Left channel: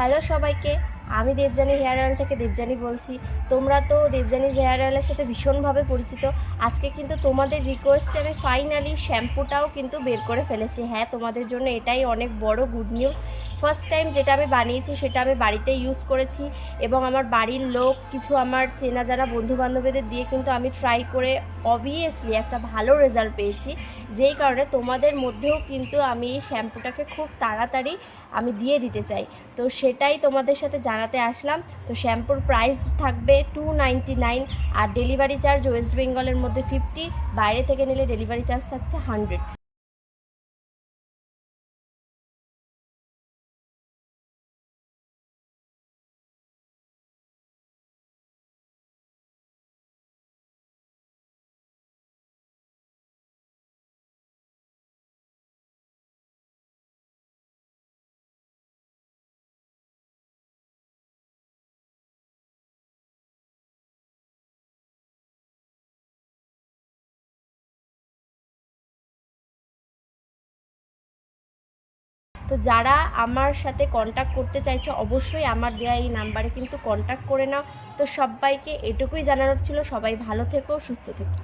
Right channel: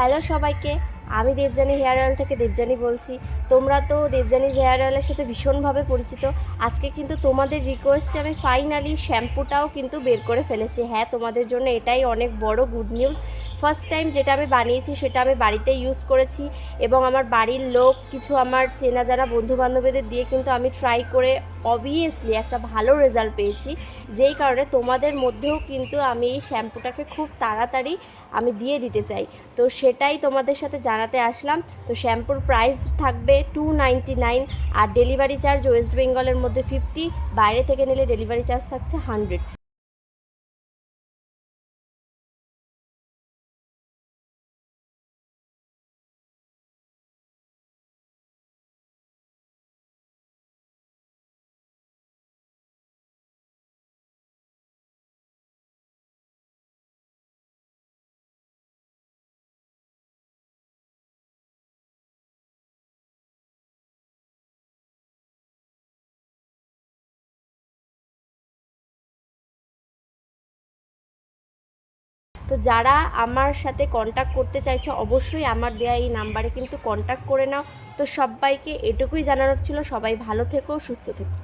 Hello সবাইকে। আমি Debjani hair oil থেকে দেবজানি বলছি। তোমরা তো দেবজানি হেয়ার অয়েলের সাথে ভীষণভাবে পরিচিত। আজকে কিন্তু তোমাদের রিকোয়েস্টে আমি ফাইনালি শ্যাম্পুটাও কিন্তু বের করে ফেলেছি। হ্যাঁ তোমাদের জন্য এটাই অনেক বড় গুড নিউজ ফার্স্ট টাইম যেটা আমি বানিয়েছি সেটা আমি বাড়িতে ইউজ করেছি এবং আমার বাড়ির লোক, কিছু আমার চেনা জানা বন্ধু বান্ধবীদের দিয়ে কিন্তু আমি ট্রাই করে অবভিয়াসলি একটা ভালো রেজাল্ট পেয়েছি। যেই কারণে তোমাদের মধ্যেও কিন্তু আমি এই শ্যাম্পুটাকে খুব তাড়াতাড়ি আমি দিয়ে দিতে চাই। তো সেটাই তোমাদের সাথে জানাতে আসলাম। তো শ্যাম্পুর প্রাইস থাকবে টু আর ডেলিভারি চার্জ ওয়েস্ট বেঙ্গলের মধ্যে ফিফটি বাইরে থেকে নিলে ডেলিভারি চার্জ থাকছে হান্ড্রেড তো যারা আমার সাথে কন্ট্যাক্ট করতে চাইছো, অবশ্যই আমার দেওয়া এই নাম্বারে কিন্তু কন্ট্যাক্ট করে নাও। তো সবাইকে এটুকুই জানানোর ছিল, সবাই ভালো থেকো, সুস্থ থেকো।